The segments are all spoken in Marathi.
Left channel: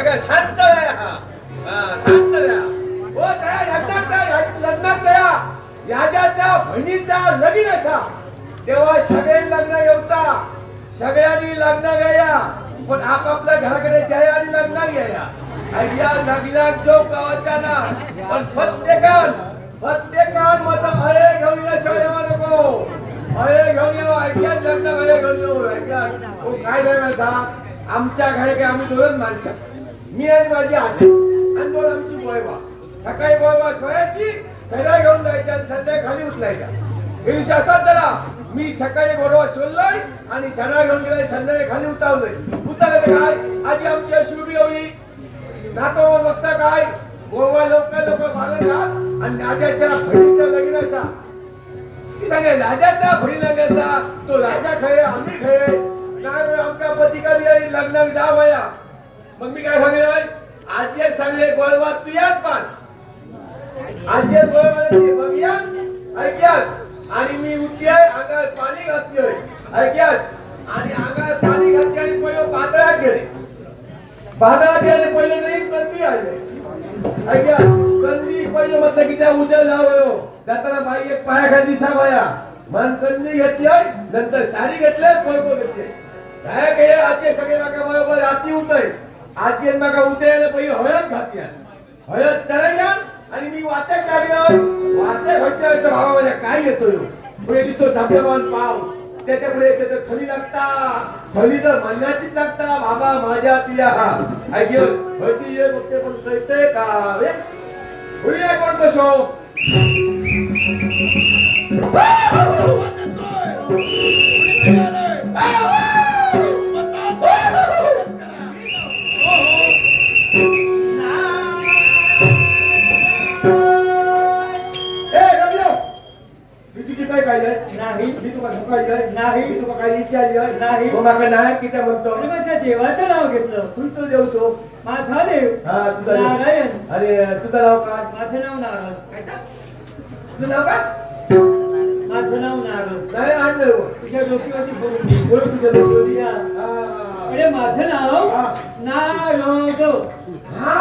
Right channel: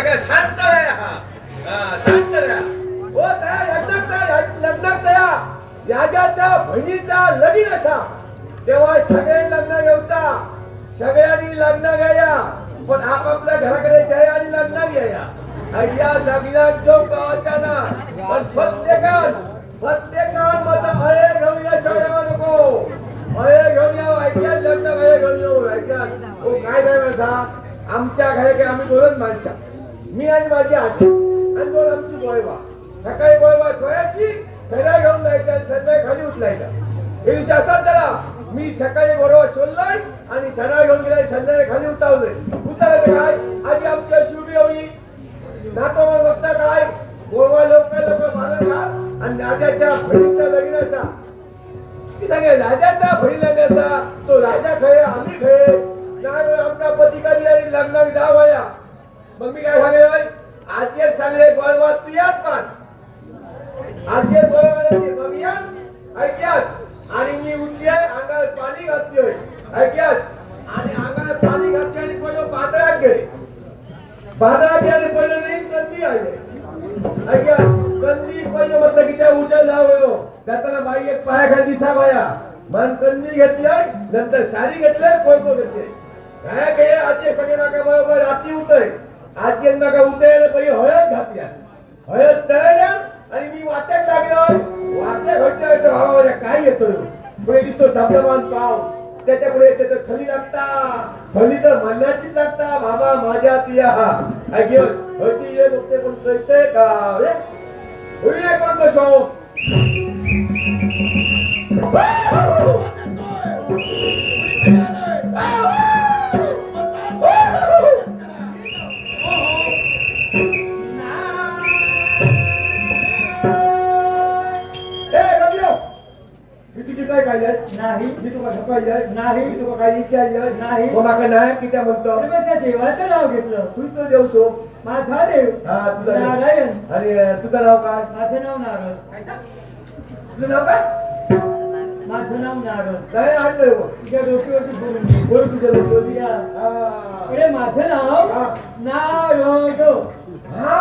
सगळ्या शांत राहा. शांत राहा. हो त्या लग्नात त्या राजाच्या बहिणीचा लगीन असा तेव्हा सगळे लग्न येवता सगळ्यांनी लग्न घ्या पण आपापल्या घराकडे जाया आणि लग्न घ्या. या लग्नात जो गावाचा ना पण प्रत्येकान मत अळे घेऊन या शहरावर नको. अळे घेऊन या ऐक्या लग्न अळे घेऊन येऊ ऐक्या. काय करायचा आमच्या घरी काय आम्ही दोनच माणसं मी आणि माझी आजी आणि दोन आमची गोयवा. सकाळी गोयवा ठेवायची सगळ्या घेऊन जायच्या आणि संध्याकाळी खाली उचलायचा. हे विषय असाच झाला मी सकाळी बरोबर सोडलोय आणि सणा घेऊन गेलाय संध्याकाळी खाली उतारायचं काय आजी आमची अशी उभी होई नातो बघता काय गोवा लोक मारण घाल आणि राजाच्या बहिणीचा लग्न असा ती सांगे राजाचा बहीण लग्न असा तो राजा खरे आम्ही खरे नाही आमच्या पतिकाली आणि लग्न जावया. मग मी काय सांगले आजी एक सांगले गोळवा तू यात पण आजी गोळवाने बघूया ऐक्यास आणि मी उठले अंगावर पाणी घातलोय ऐक्यास आणि अंगावर पाणी घातले आणि पहिलं बाजारात गेले. बाजारात गेले पहिलं नाही कंदी आले ऐक्या कंदी पहिलं म्हटलं की त्या उजळ लावयो जाताना बाई एक पायाखाली दिसा बाया मन कंदी घेतली नंतर साडी घेतले कोळको घेतले काय गेले आजी सगळे माका बरोबर रात्री उतय आजी माका उतरायला पहिली हळद घातल्या हळद तळल्या आणि मी वाचत लागलो वाचत भेटले भावा काय येतोय पुढे दिसतो धबधबान पाव त्याच्यापुढे त्याचं खली लागता खली तर मान्याचीच लागता बाबा माझ्या तिया ऐकियो होती ये बघते पण कळते का रे होईल पण कसो नाही मी तुला सकाळी नाही मी तुला काही विचारलं नाही बाबा नाही की त्या बोलतो माझ्या देवाचं नाव घेतलं तू तो देवतो माझा देव हा तुझा नारायण. अरे तुझं नाव काय माझं नाव नारद. तुझं नाव काय माझं नाव नारद. काय आणलं तुझ्या डोक्यावरती बोलून तुझ्या डोक्यावरती अरे माझं नाव नारद. हा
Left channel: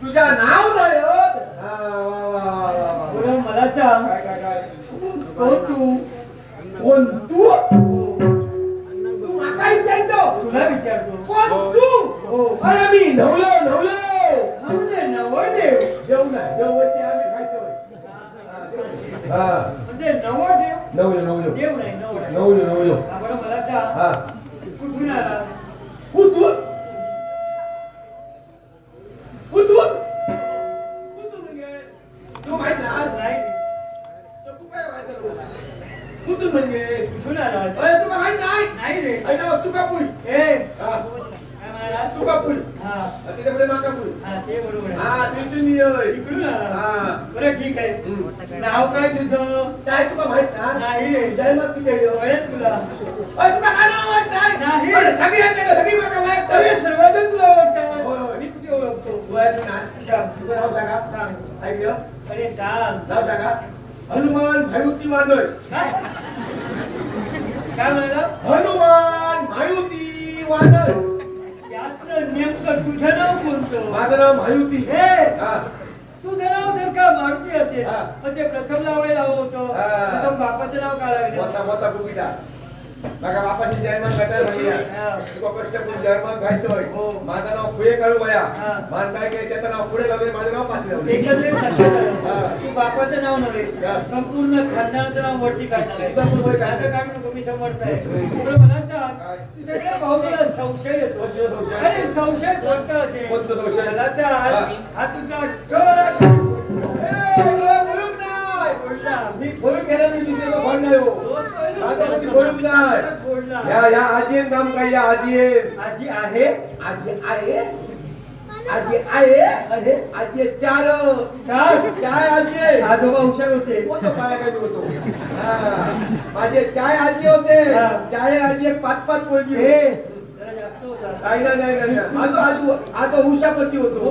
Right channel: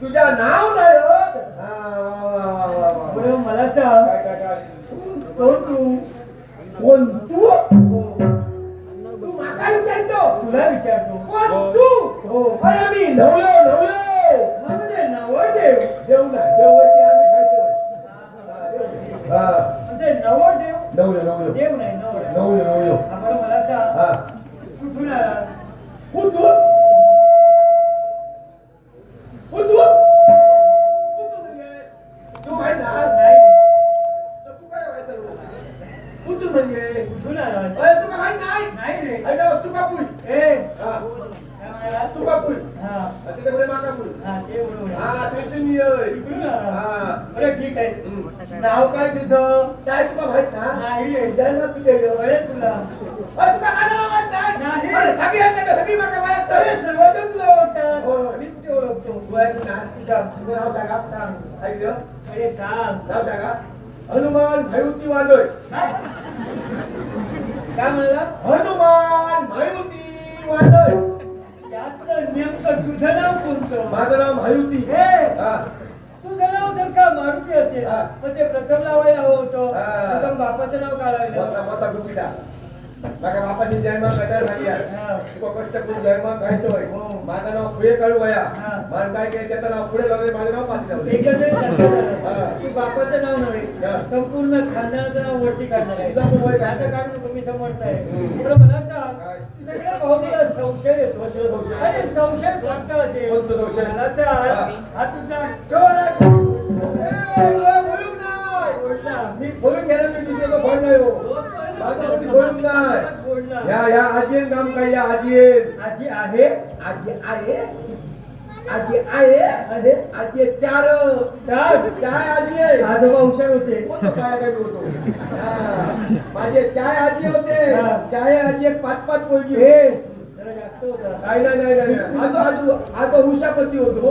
तुझं नाव नारद. मला सांग कोण कोण तू माका विचारतो तुला विचारतो कोण तू. अरे मी नवलो नवरदेव जेवला देववरती आम्ही खायचो म्हणजे नवरदेव देव नाही नवलो. मला सांग कुठून आला कुठून तू माहित नाही तू काय व्हायचं कुठून म्हणजे कुठून आला तू काय नाही रे ऐका तू का पुल तू का पुल तिकडे माका पुल ते बरोबर ते इकडून आला बरं ठीक आहे. नाव काय तुझं काय तुला माहित नाही रे जन्मात किती तुला तुला काय नाव माहित नाही सगळी माका माहित सर्वजण तुला ओळखतात मी कुठे ओळखतो तुझं नाव सांगा सांग ऐकलं अरे सांग नाव सांगा हनुमान मायुती वादळ. काय म्हणाला हनुमान मायुती वादळ. यातलं नेमकं तुझं नाव कोणतं. माझं नाव मायुती. तुझं नाव जर का मारुती असेल पण ते प्रथम लावायला हवं होतं. प्रथम बापाचं नाव काढायला माझ्या बापाची जन्म कथा झाली तुका कष्ट करून जन्म घालतोय. माझं नाव पुढे काढू वया मान काय की त्याचं नाव पुढे लावले माझं नाव पाठी लावले. बापाचं नाव नव्हे संपूर्ण खानदानाचं नाव वरती काढणार आहे. काढू नको मी समर्थ आहे. मला सांग तुझ्या भाऊला संशय येतो अरे संशय कोणता असेल मला सांग हा तुझा मी फोन केला मी तिथे फोन नाही या आजी नाम काय या आजी आजी आहे आजी चार आजी आजोबा हुशार होते होतो माझे चाय आजी होते चाय आजी एक 5-5 पोळगी नाही उषापती होतो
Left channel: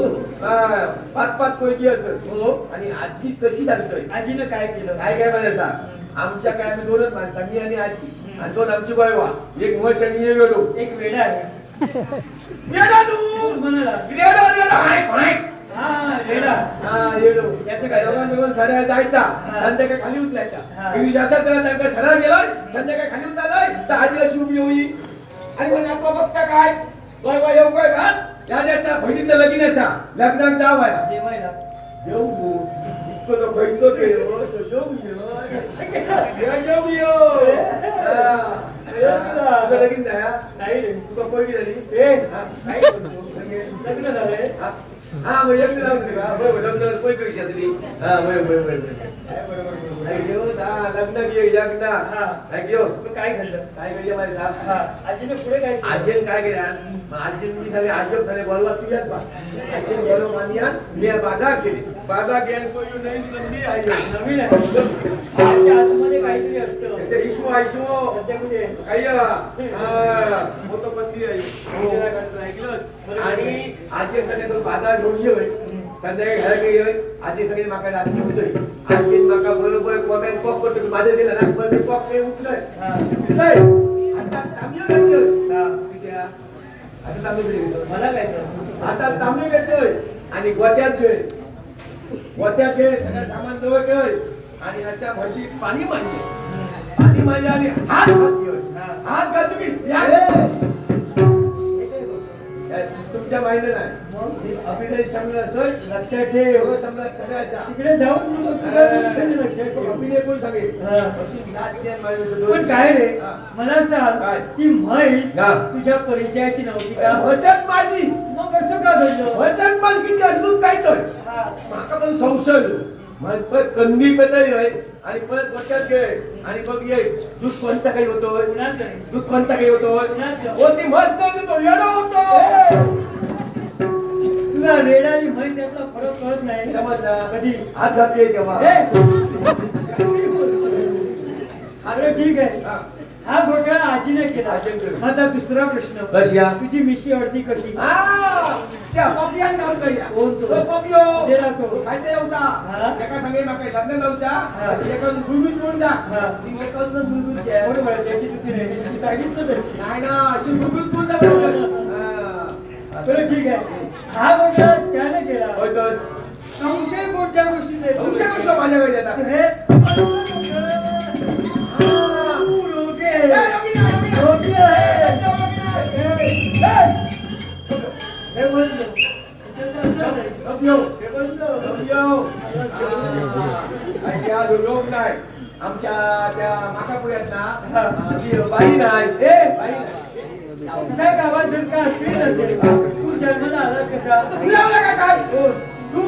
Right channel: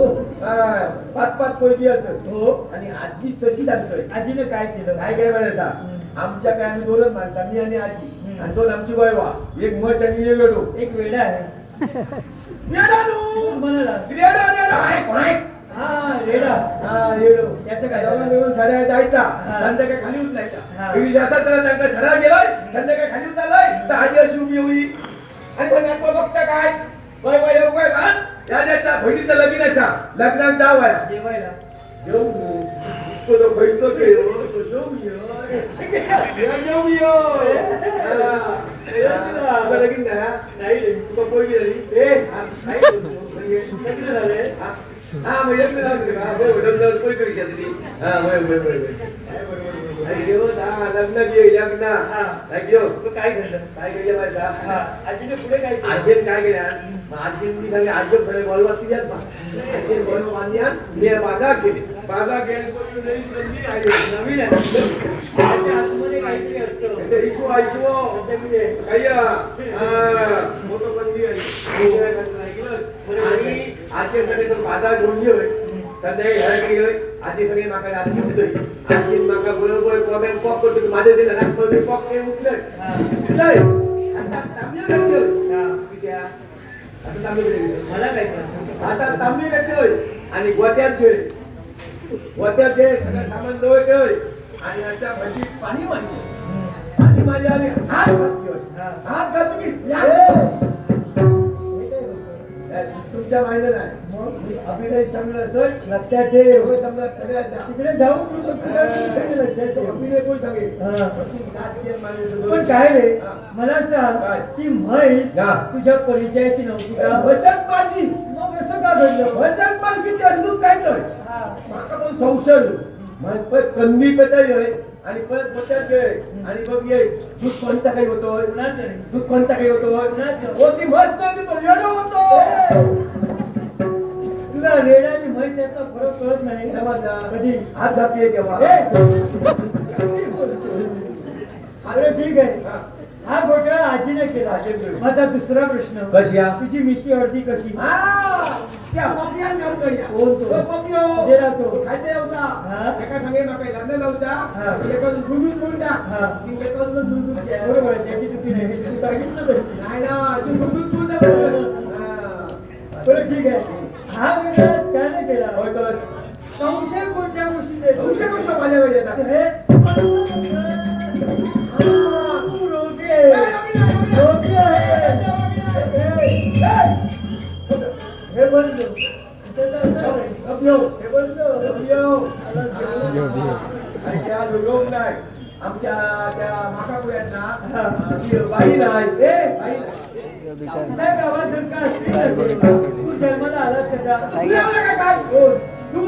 5-5 पोळगी असत हो. आणि आजी तशी जाणतोय आजीनं काय केलं काय म्हणायचा आमच्या काय आम्ही दोनच माणसं मी आणि आजी आणि दोन आमची बायवा एक म्हश आणि एक वेडो एक वेडा आहे येडालू म्हणाला रेडा रेडा हाय कोणाय हा रेडा हा रेडो त्याचं काय? दोघां दोघां साड्या जायचा हा. संध्याकाळी खाली हा. उतरायचा मी जास्त तर त्यांना सडा गेलोय संध्याकाळी खाली उतरलोय तर आजी अशी उभी होई आणि मग नातवा बघता काय वय वय येऊ काय भान याच्या बहिणीचं लगीन असा लग्नात जाऊ आहे जेवायला येऊ तू इतकं जो खयचो केलो तो जाऊ ये तुझं लगीन नाही नाही तुझं पोरगी झाली ए हा, काय? लग्न झालंय हा म्हणजे लग्न लागलं का बरोबर लग्न कोण करू शकली हा बरोबर काय बरोबर नाही घेऊ लग्न घे लग्न हा. नाही घेऊ तू काय घडलं काय केलं माहिती हा का आजीने पुढे काय केलं? आजीन काय केलं आजी मी झाले आजोब झाले बोलवा तुझ्यात बा आजी बोलव मानिया मी बाधा केली बाधा घेऊन कोणी नवीन संधी आली नवीन आहे त्याच्या आतमध्ये काहीतरी असतं ते इशू त्याच्यामध्ये अय्या मोठं बंदी आणि आजी सगळे तो बाधा जोडली होय संध्याकाळी घरात गेलोय आजी सगळे माका रात्री होतोय आजी माका बरोबर कोमेन पॉप करतो माझ्या दिला ना पण मी पॉप ते उठलंय आता तांबे घेतोय आता तांबे मला काय कळलं? आता तांबे घेतोय आणि गोत्यात घे गोत्यात घे सगळं सामान जवळ ठेव आणि अशा म्हशी पाणी मारते पाणी माझ्या आणि हात घातली हात घाल तुम्ही तुमच्या माहिती नाही अभिनय समजा असं लक्षात ठेव एवढं समजा सगळ्या अशा तिकडे जाऊन नको तुला लक्षात ठेव अभिनय कोण सांगेल हा. म्हशी दात घे, माझ्या पण काय रे हा. मला काय? सांग ती म्हैस हा. तुझ्या परिचयाची नव्हती का वसंत माझी मग असं का घडलं वसंत पण किती असतो काय तर हा. माका पण संशय मग परत कंदी पेताय आणि परत बचत घे आणि बघ ये दूध कोणता काही होतो कुणाचं रे? दूध कोणता काही होतो कुणाचं? होती मस्त नाही तो येडो होतो तुला रेड आणि म्हैस यातला फरक कळत नाही समजला कधी हात घातली तेव्हा अरे ठीक आहे हा. हा घोटाळा आजीने केला आजीने केला. माझा दुसरा प्रश्न कशी या? तुझी मिशी अर्धी कशी हा, त्या पपियान नाव करूया. कोण तो? तो पपियो. तेरा तो. तो खायचा हा. होता. एका संगे माका लग्न नव्हता. हा. अशी एकानं गुळगुळ करून टाक. हा. ती एकानं गुळगुळ केली. बरोबर आहे, त्याची चुकी नाही तू सांगितलं तरी. नाही ना, अशी गुळगुळ करून टाक. हा. बरं ठीक आहे हा घोटाळा त्याने केला होय तर. संशय कोणत्या गोष्टीचा येतो? तुमच्या गोष्ट माझ्याकडे येतात. हे तू रोगे. रोगे आहे. हे बंद इथं तर नाही. पपियो. हे बंद पपियो. आणि त्या जो लोक नाही, आमच्या त्या माकापुऱ्यात ना ती बाई नाही बाई नाही. आमच्या गावात जर का असली नसेल तू जन्माला आलास कसा तुला मला काय काय तू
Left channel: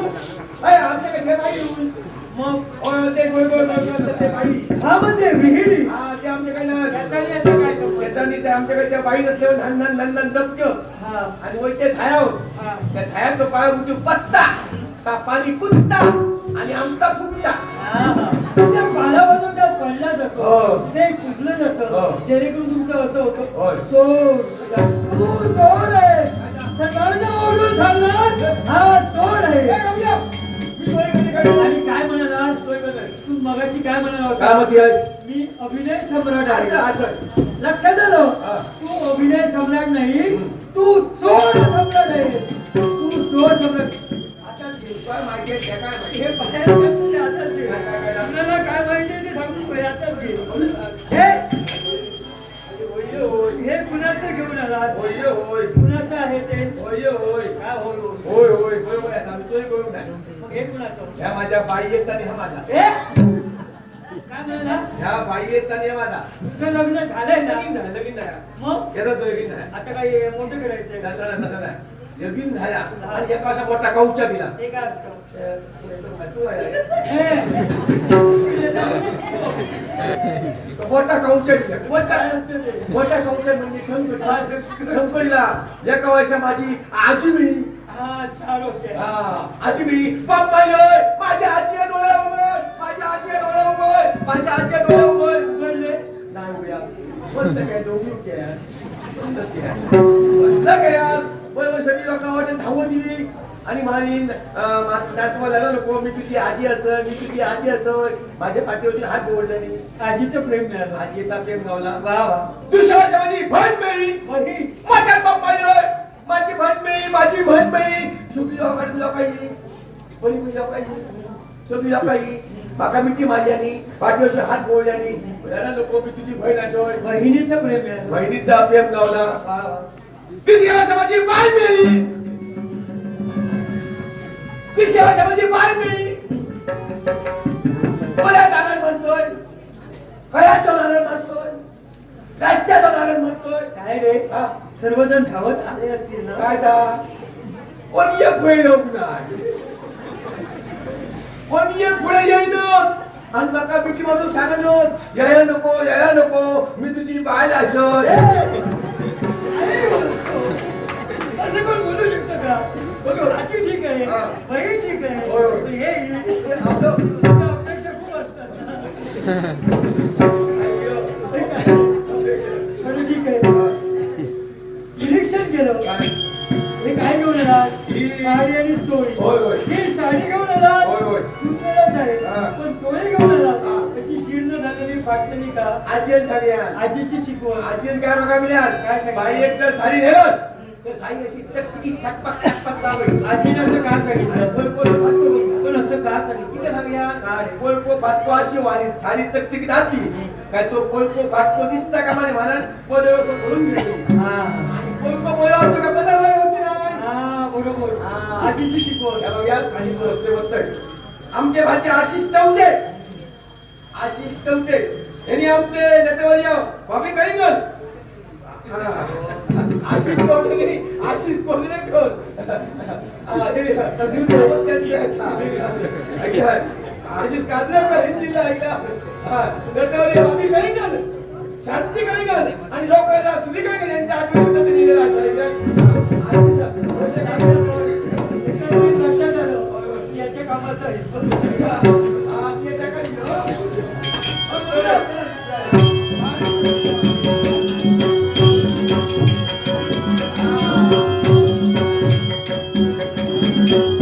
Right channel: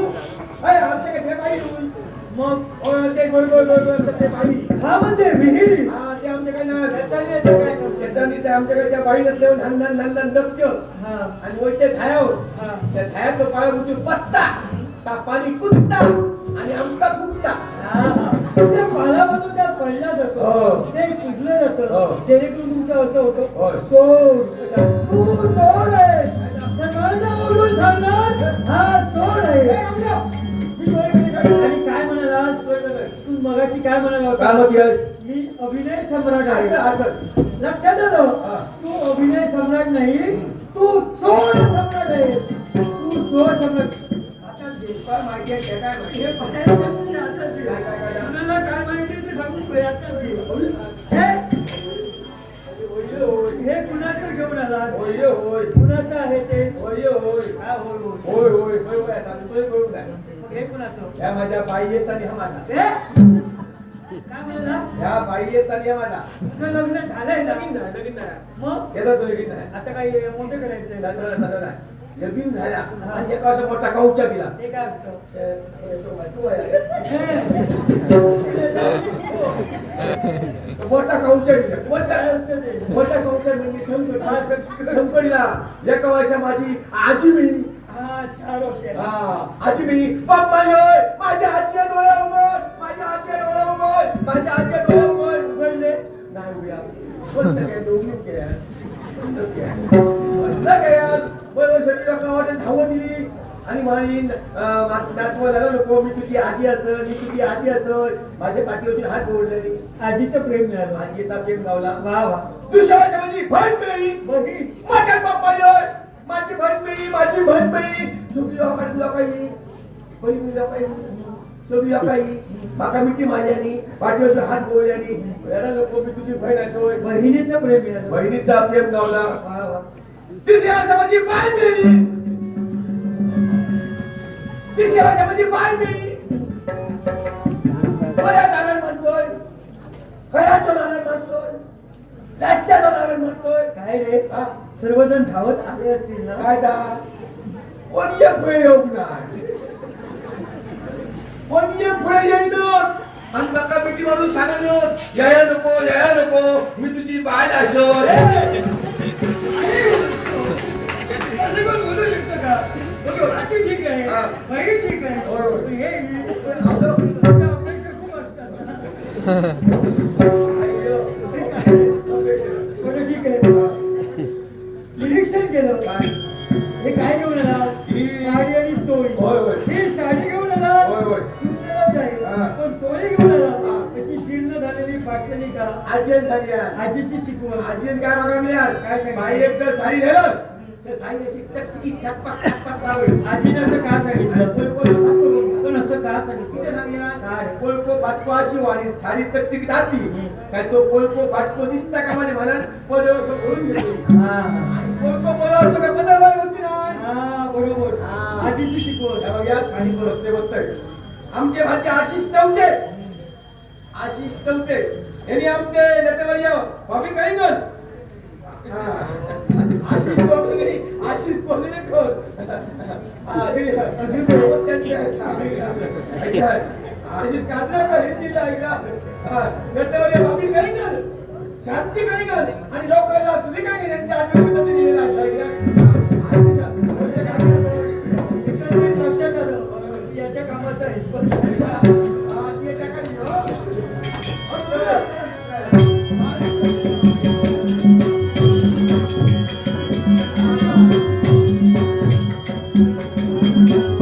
अय आमच्याकडे ते बाई येऊन मग ओय ते गोल गोल गोल गोल ते बाई हा म्हणजे विहिरी हा ते आमच्याकडे ना त्याच्याने याचं काय संबंध? त्याच्यानी ते आमच्याकडे त्या बाई नसल्यावर नंदन दबक्यो हा आणि वय ते थायावर हा त्या थायाचं पाय उठू पत्ता ता पाणी कुत्ता आणि आमचा कुत्ता हा. ते पालापासून त्या पडला हो. जातो ते कुजलं हो. जातं जेणेकरून तुमचं असं होतं होय. तू चोर आहे सगळ्यांना ओरडून सांगणार हा चोर आहे मी चोरी कधी करू? आणि काय म्हणाला चोरी कधी करू? तू मगाशी काय म्हणाला काय होता म्हणते आहे? मी अभिनय सम्राट असं आहे असं लक्षात आलं हा. तू अभिनय सम्राट नाही तू चोर सम्राट आहे तू चोर सम्राट आता घे. काय माहिती आहे काय माहिती हे आहे? पाहायचं तुझ्या हातात घे. काय? आपल्याला काय माहिती आहे ते सांगून तुझ्या हातात घे. हे कुणाचं घेऊन आला होय होय कुणाचं आहे ते होय होय हा होय होय होय होय होय होय आता आम्ही चोरी करू नाही मग हे कुणाचं ह्या माझ्या बाई येत आणि हा माझा हे? काय म्हणाला ह्या बाई येत आणि हा माझा तुझं लग्न झालंय ना लगीन नाही लगीन नाही मग याचा लगीन नाही आता काय मोठं करायचंय तसं नाही, तसं नाही लगीन झाला आणि एका असा मोठा कौचा दिला हे काय असतं मोठा कौचा दिला मोठा काय असतं ते मोठा कौचा म्हणजे संपला एका वर्षा माझी आजी मी हा 4 वर्ष आजी मी पप्पा योय माझ्या आजी डोळ्यावर माझ्या आजी डोळ्यावर माझ्या आजी डोळ्यावर उघडले नाही उघड्या बंद काय दोघी काय बंद काय बंद काय सगळी लोकांना वाटत धावत दिली आणि माझी नाचवा झाला नको मी तुझी आजी असं मी तुझी आजी असं माझ्या पाठीवरती हात जोडले आजीचं प्रेम मिळालं. आजीचा प्रेम गावला वा वा. दुसऱ्या वर्षी माझी बहीण मिळी बहीण. माझ्या बाप्पा माझी बहीण मिळी माझी बहीण मिळी सुखी लोकांनी बहीण लोकांनी सुखी लोकांनी माका मिठी माझ्यानी पाठीवरची हात गोळल्यानी नको मी तुझी बहीण असो बहिणीचं प्रेम मिळालं. बहिणीचा प्रेम गावला वा वा. तिसऱ्या वर्षी माझी बाय मिळली तिसऱ्या वर्षी माझी बाय मिळली बऱ्याच जाणार म्हणतोय खऱ्याच जाणार म्हणतोय राज्यात जाणार म्हणतोय काय रे हा? सर्वजण धावत आले असतील ना. काय दा कोणी एक पुढे येऊ नाही कोणी एक पुढे येईन आणि माका मिठी मारून सांगलो याया नको मी तुझी बाय असत असं कोण बोलू शकतो का. आजी ठीक आहे हा. बहीण ठीक आहे होय, होय. पण हे तुमच्या अपेक्षा खूप असतात ना. बरं ठीक आहे. निरीक्षण केलं. हे काय घेऊन आला. साडी आणि चोळी. होय, होय. ही साडी घेऊन आला होय, होय. सुंदरच आहे हा. पण चोळी घेऊन आला हा. अशी जीर्ण झालेली फाटलेली का. आजीन झाली आजीची शिकवण. आजीन काय बघा मी काय सांगितलं? बाई एक तर साडी नेलोस तर साडी अशी चकचकी छटपट लावली आजीने असं का सांगितलं. कोण पण असं का सांगितलं. किती सांगूया काय? कोळपो फाटको अशी आणि साडी चकचकीत असली काय तो कोळपो फाटको दिसता का म्हणे म्हणून पदव्यावर करून घेतो हा. आणि कोळपो बोला असतो का पदव्यावर होती नाही हा बरोबर. हा. आजीची शिकवण. या बघा आणि बोलतोय आमचे भाचे आशिष टवटे यांनी आमचे नटवर याव कॉपी करीनच आशिष टवटे आशिष कोल्हे कोण आशिष काजरेकर हिंदीला ऐकला नटवर याव कॉपी करीनच शांती करीनच आणि लोकांना सुधी करीन यांच्या आठवणीत दिलेला लक्षात आलं याच्या कामाचा हिस्सा.